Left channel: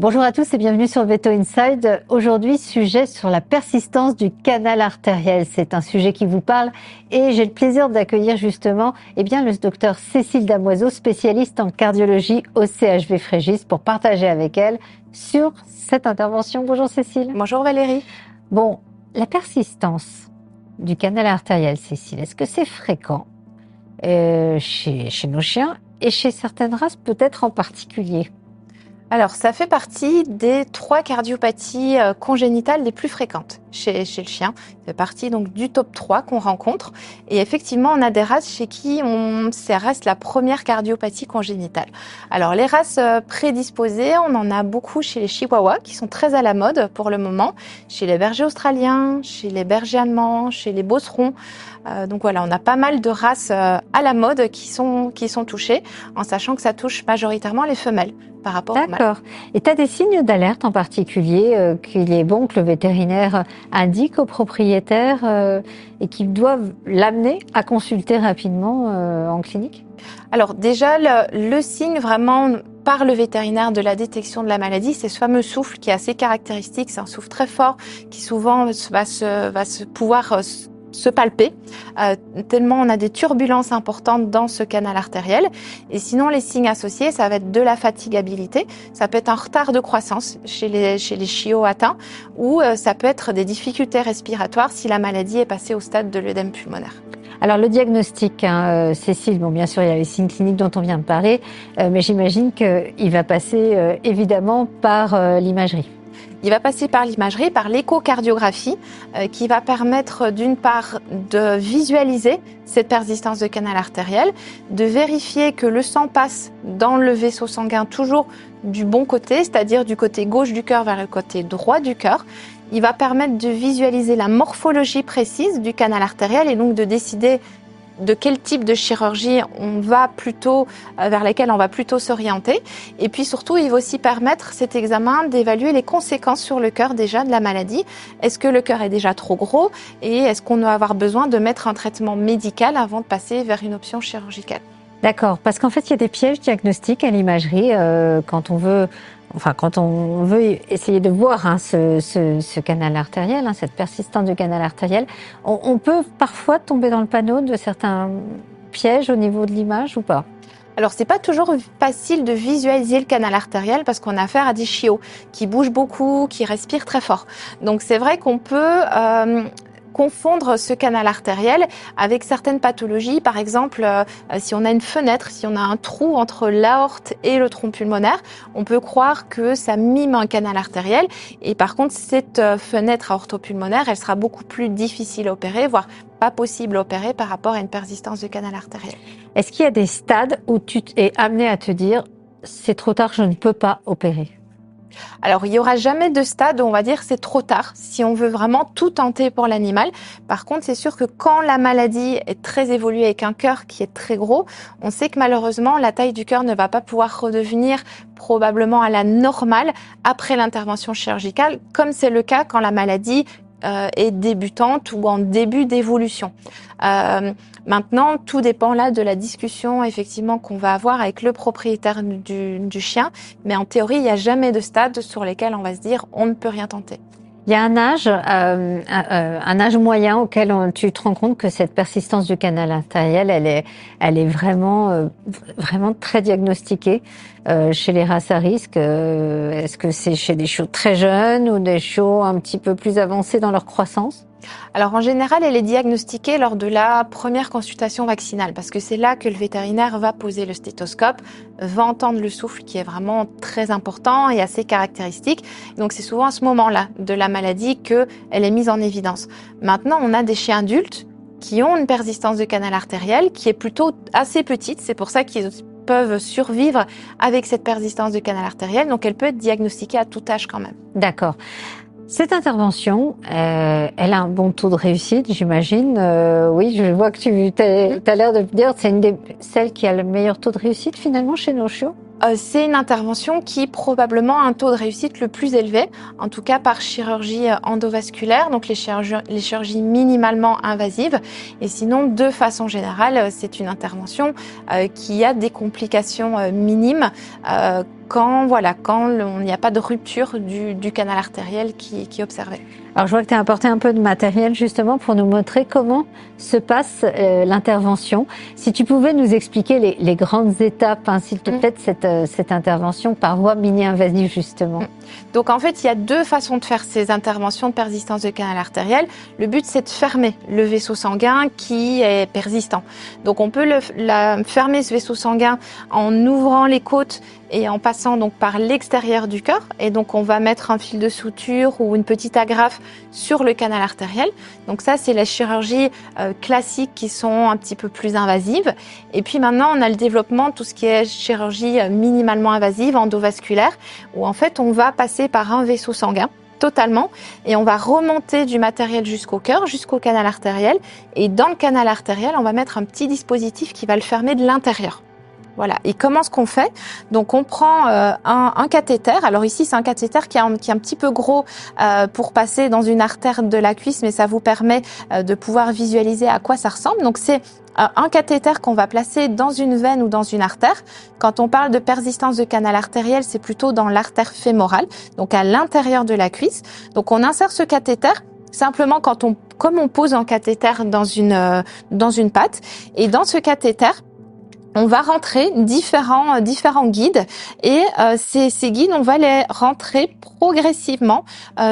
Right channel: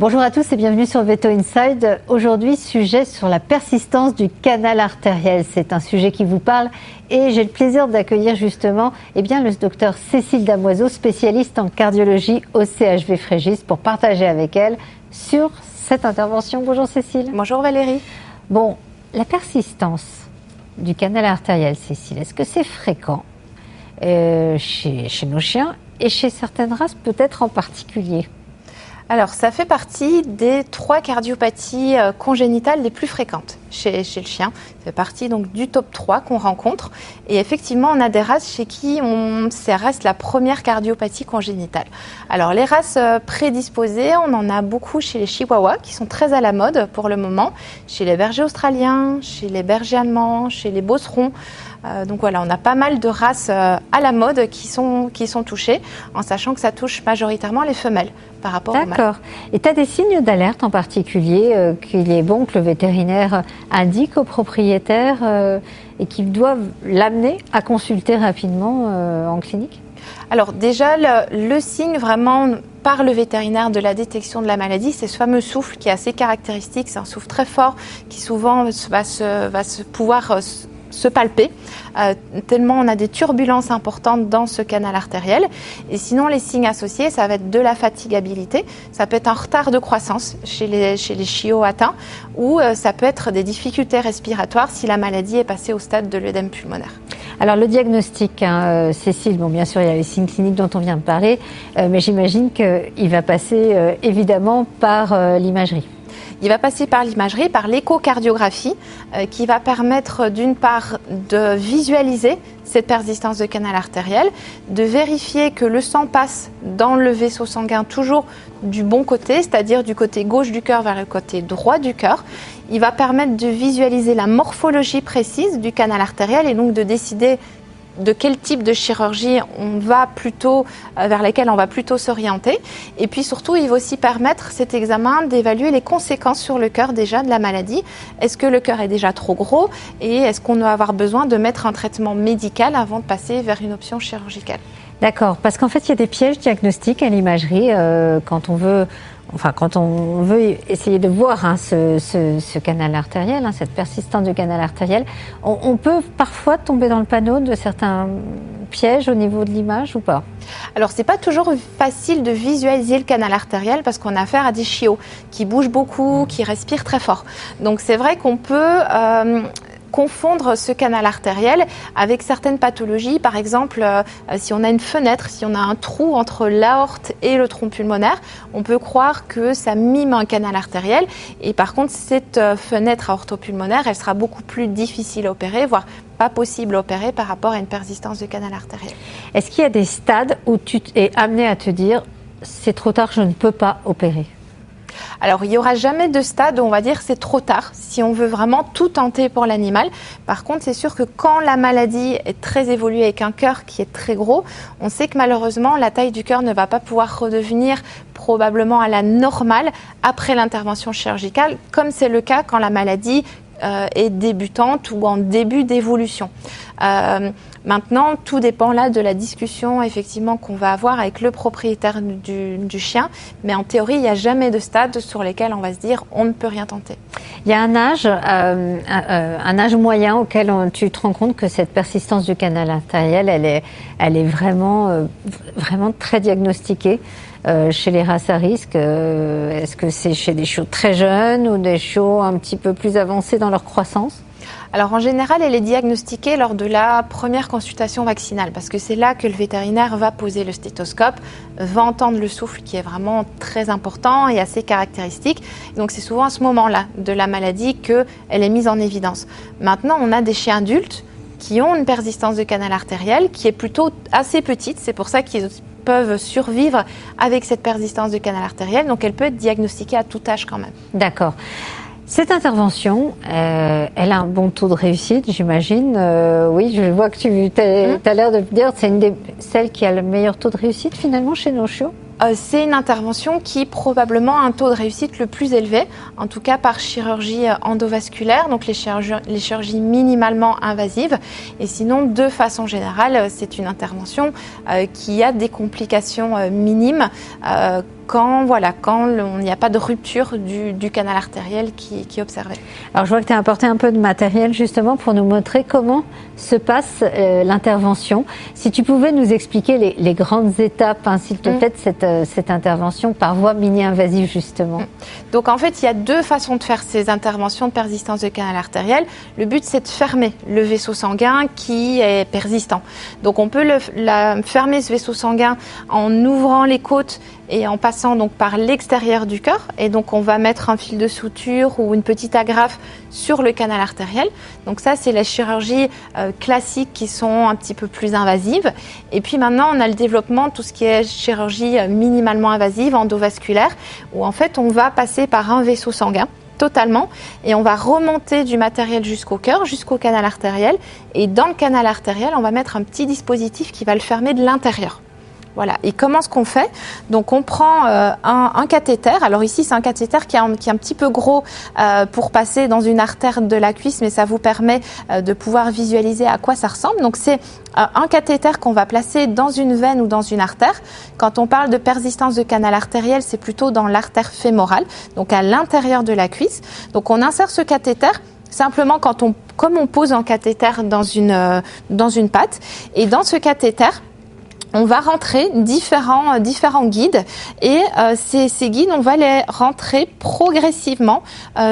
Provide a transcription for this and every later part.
Bonjour à tous et bienvenue sur Veto Inside. Aujourd'hui, sujet sur la persistance du canal artériel. C'est un sujet qui vous parle et j'ai le plaisir d'accueillir justement le docteur Cécile Damoiseau, spécialiste en cardiologie au CHV Frégis, pour partager avec elle sur cette intervention. Bonjour Cécile. Bonjour Valérie. Bon, la persistance du canal artériel, Cécile, est-ce que c'est fréquent chez nos chiens et chez certaines races peut-être en particulier? Alors, ça fait partie des 3 cardiopathies congénitales les plus fréquentes chez le chien. Ça fait partie donc du top 3 qu'on rencontre. Et effectivement, on a des races chez qui ça reste la première cardiopathie congénitale. Alors, les races prédisposées, on en a beaucoup chez les chihuahuas qui sont très à la mode pour le moment, chez les bergers australiens, chez les bergers allemands, chez les beaucerons. Donc voilà, on a pas mal de races à la mode qui sont touchées, en sachant que ça touche majoritairement les femelles par rapport aux mâles. D'accord. Et tu as des signes d'alerte en particulier qu'il est bon que le vétérinaire indique aux propriétaires et qu'ils doivent l'amener à consulter rapidement en clinique? Alors déjà, le signe vraiment par le vétérinaire de la détection de la maladie, c'est ce fameux souffle qui est assez caractéristique. C'est un souffle très fort qui souvent va pouvoir se palper, tellement on a des turbulences importantes dans ce canal artériel. Et sinon, les signes associés, ça va être de la fatigabilité, ça peut être un retard de croissance chez les chiots atteints, ou ça peut être des difficultés respiratoires si la maladie est passée au stade de l'œdème pulmonaire. Alors le diagnostic, Cécile, bon bien sûr il y a les signes cliniques dont on vient de parler, mais j'imagine qu'il va passer évidemment par l'imagerie. Il va passer par l'imagerie, par l'échocardiographie, qui va permettre d'une part de visualiser cette persistance de canal artériel, de vérifier que le sang passe dans le vaisseau sanguin toujours du bon côté, c'est-à-dire du côté gauche du cœur vers le côté droit du cœur. Il va permettre de visualiser la morphologie précise du canal artériel et donc de décider de quel type de chirurgie vers laquelle on va plutôt s'orienter. Et puis surtout, il va aussi permettre cet examen d'évaluer les conséquences sur le cœur déjà de la maladie. Est-ce que le cœur est déjà trop gros et est-ce qu'on doit avoir besoin de mettre un traitement médical avant de passer vers une option chirurgicale? D'accord, parce qu'en fait il y a des pièges diagnostiques à l'imagerie quand on veut essayer de voir ce canal artériel, cette persistance du canal artériel. On peut parfois tomber dans le panneau de certains pièges au niveau de l'image ou pas? Alors c'est pas toujours facile de visualiser le canal artériel parce qu'on a affaire à des chiots qui bougent beaucoup, qui respirent très fort. Donc c'est vrai qu'on peut confondre ce canal artériel avec certaines pathologies. Par exemple, si on a une fenêtre, si on a un trou entre l'aorte et le tronc pulmonaire, on peut croire que ça mime un canal artériel. Et par contre, cette fenêtre aortopulmonaire, elle sera beaucoup plus difficile à opérer, voire pas possible à opérer par rapport à une persistance de canal artériel. Est-ce qu'il y a des stades où tu es amené à te dire c'est trop tard, je ne peux pas opérer? Alors, il n'y aura jamais de stade où on va dire c'est trop tard si on veut vraiment tout tenter pour l'animal. Par contre, c'est sûr que quand la maladie est très évoluée avec un cœur qui est très gros, on sait que malheureusement, la taille du cœur ne va pas pouvoir redevenir probablement à la normale après l'intervention chirurgicale, comme c'est le cas quand la maladie est débutante ou en début d'évolution. Maintenant, tout dépend là de la discussion effectivement qu'on va avoir avec le propriétaire du chien, mais en théorie, il n'y a jamais de stade sur lesquels on va se dire on ne peut rien tenter. Il y a un âge moyen auquel tu te rends compte que cette persistance du canal artériel, elle est vraiment très diagnostiquée chez les races à risque. Est-ce que c'est chez des chiots très jeunes ou des chiots un petit peu plus avancés dans leur croissance? Alors en général, elle est diagnostiquée lors de la première consultation vaccinale parce que c'est là que le vétérinaire va poser le stéthoscope, va entendre le souffle qui est vraiment très important et assez caractéristique. Donc c'est souvent à ce moment-là de la maladie qu'elle est mise en évidence. Maintenant, on a des chiens adultes qui ont une persistance de canal artériel qui est plutôt assez petite. C'est pour ça qu'ils peuvent survivre avec cette persistance de canal artériel. Donc elle peut être diagnostiquée à tout âge quand même. D'accord. Cette intervention, elle a un bon taux de réussite, j'imagine. Oui, je vois que tu as l'air de me dire que c'est celle qui a le meilleur taux de réussite finalement chez nos chiots. c'est une intervention qui probablement a un taux de réussite le plus élevé, en tout cas par chirurgie endovasculaire, donc les chirurgies minimalement invasives. Et sinon, de façon générale, c'est une intervention qui a des complications minimes quand il n'y a pas de rupture du canal artériel qui est observé. Alors je vois que tu as apporté un peu de matériel justement pour nous montrer comment se passe l'intervention. Si tu pouvais nous expliquer les grandes étapes, hein, s'il te plaît, de cette intervention par voie mini-invasive justement. Donc en fait, il y a deux façons de faire ces interventions de persistance de canal artériel. Le but, c'est de fermer le vaisseau sanguin qui est persistant. Donc on peut fermer ce vaisseau sanguin en ouvrant les côtes et en passant donc par l'extérieur du cœur. Et donc on va mettre un fil de suture ou une petite agrafe sur le canal artériel. Donc ça, c'est la chirurgie classique qui sont un petit peu plus invasives. Et puis maintenant, on a le développement, tout ce qui est chirurgie minimalement invasive, endovasculaire, où en fait on va passer par un vaisseau sanguin totalement et on va remonter du matériel jusqu'au cœur, jusqu'au canal artériel. Et dans le canal artériel, on va mettre un petit dispositif qui va le fermer de l'intérieur. Voilà. Et comment est-ce qu'on fait? Donc on prend un cathéter. Alors ici c'est un cathéter qui est un petit peu gros pour passer dans une artère de la cuisse, mais ça vous permet de pouvoir visualiser à quoi ça ressemble. Donc c'est un cathéter qu'on va placer dans une veine ou dans une artère. Quand on parle de persistance de canal artériel, c'est plutôt dans l'artère fémorale, donc à l'intérieur de la cuisse. Donc on insère ce cathéter simplement comme on pose un cathéter dans une patte. Et dans ce cathéter, on va rentrer différents guides et ces guides, on va les rentrer progressivement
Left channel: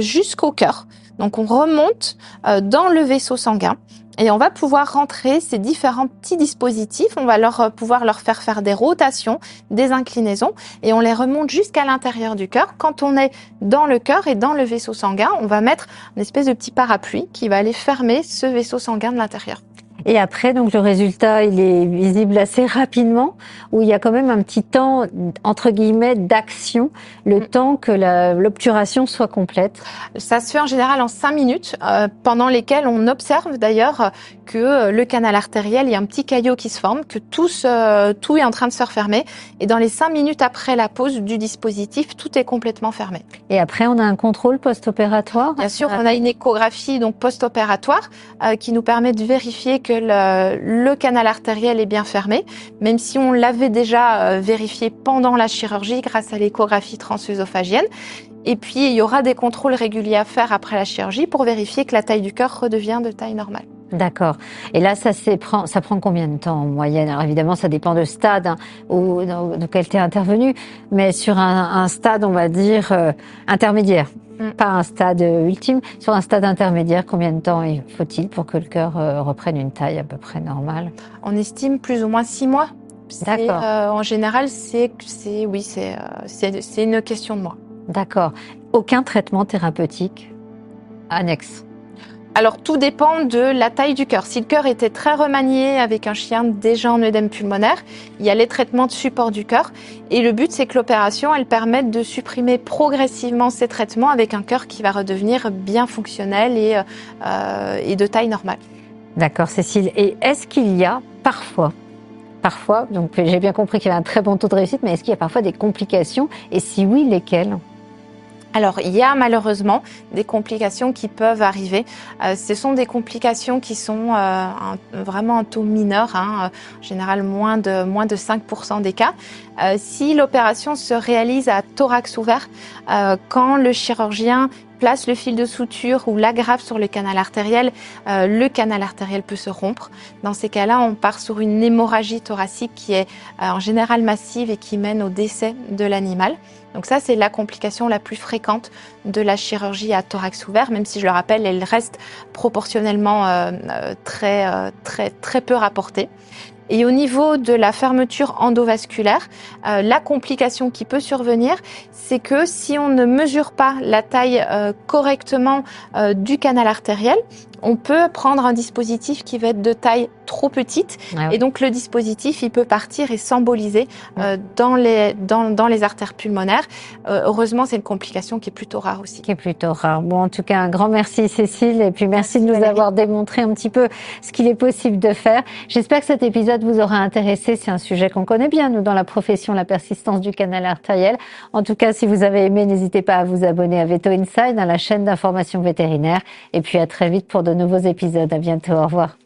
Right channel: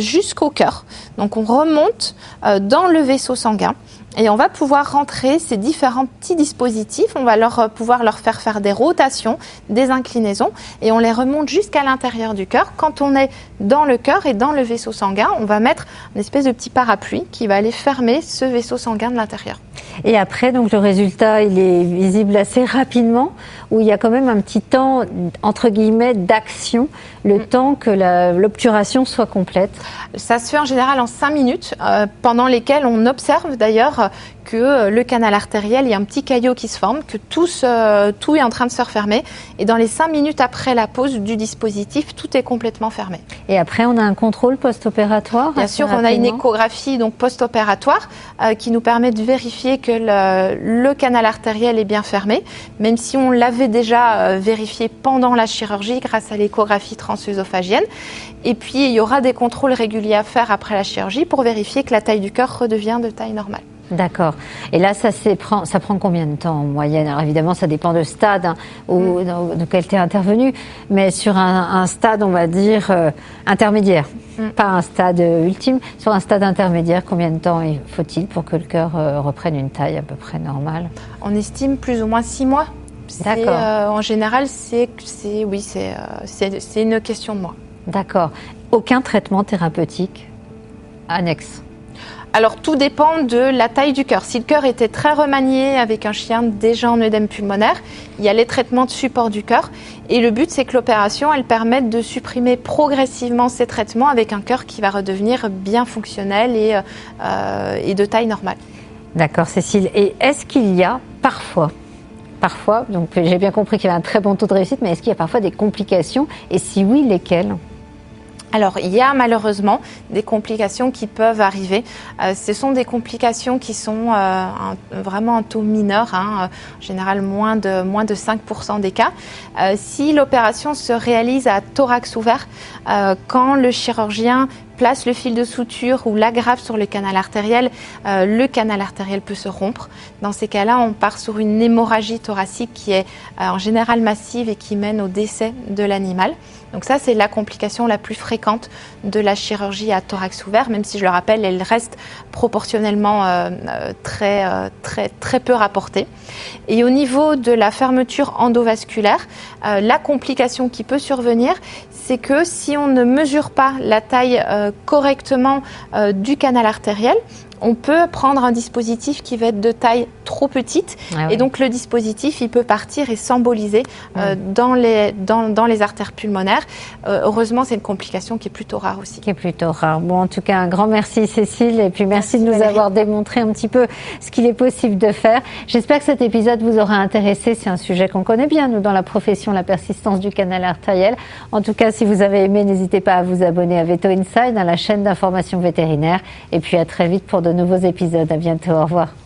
jusqu'au cœur. Donc on remonte dans le vaisseau sanguin et on va pouvoir rentrer ces différents petits dispositifs. On va pouvoir leur faire des rotations, des inclinaisons et on les remonte jusqu'à l'intérieur du cœur. Quand on est dans le cœur et dans le vaisseau sanguin, on va mettre une espèce de petit parapluie qui va aller fermer ce vaisseau sanguin de l'intérieur. Et après, donc le résultat, il est visible assez rapidement, où il y a quand même un petit temps, entre guillemets, d'action, le temps que l'obturation soit complète. Ça se fait en général en 5 minutes, pendant lesquelles on observe d'ailleurs que le canal artériel, il y a un petit caillot qui se forme, que tout est en train de se refermer. Et dans les 5 minutes après la pose du dispositif, tout est complètement fermé. Et après, on a un contrôle post-opératoire? Bien sûr, on a une échographie donc post-opératoire qui nous permet de vérifier que le canal artériel est bien fermé, même si on l'avait déjà vérifié pendant la chirurgie grâce à l'échographie transœsophagienne. Et puis, il y aura des contrôles réguliers à faire après la chirurgie pour vérifier que la taille du cœur redevient de taille normale. D'accord. Et là, ça prend combien de temps en moyenne? Alors évidemment, ça dépend de stade dans lequel tu es intervenu, mais sur un stade, on va dire, intermédiaire. Pas un stade ultime, sur un stade intermédiaire, combien de temps faut-il pour que le cœur reprenne une taille à peu près normale? On estime plus ou moins 6 mois. D'accord. En général, c'est une question de mois. D'accord. Aucun traitement thérapeutique annexe? Alors tout dépend de la taille du cœur. Si le cœur était très remanié avec un chien déjà en œdème pulmonaire, il y a les traitements de support du cœur. Et le but, c'est que l'opération, elle permette de supprimer progressivement ces traitements avec un cœur qui va redevenir bien fonctionnel et de taille normale. D'accord, Cécile. Et est-ce qu'il y a parfois, donc j'ai bien compris qu'il y avait un très bon taux de réussite, mais est-ce qu'il y a parfois des complications? Et si oui, lesquelles? Alors, il y a malheureusement des complications qui peuvent arriver. Ce sont des complications qui sont vraiment un taux mineur, en général moins de 5% des cas. Si l'opération se réalise à thorax ouvert, quand le chirurgien place le fil de suture ou l'agrafe sur le canal artériel peut se rompre. Dans ces cas-là, on part sur une hémorragie thoracique qui est en général massive et qui mène au décès de l'animal. Donc ça, c'est la complication la plus fréquente de la chirurgie à thorax ouvert, même si je le rappelle, elle reste proportionnellement très peu rapportée. Et au niveau de la fermeture endovasculaire, la complication qui peut survenir, c'est que si on ne mesure pas la taille correctement du canal artériel, on peut prendre un dispositif qui va être de taille trop petite, et donc le dispositif, il peut partir et s'emboliser dans les artères pulmonaires. Heureusement, c'est une complication qui est plutôt rare aussi. Qui est plutôt rare. Bon, en tout cas, un grand merci Cécile, et puis merci de nous avoir démontré un petit peu ce qu'il est possible de faire. J'espère que cet épisode vous aura intéressé. C'est un sujet qu'on connaît bien, nous, dans la profession, la persistance du canal artériel. En tout cas, si vous avez aimé, n'hésitez pas à vous abonner à Veto Inside, à la chaîne d'information vétérinaire. Et puis à très vite pour de nouveaux épisodes. À bientôt. Au revoir.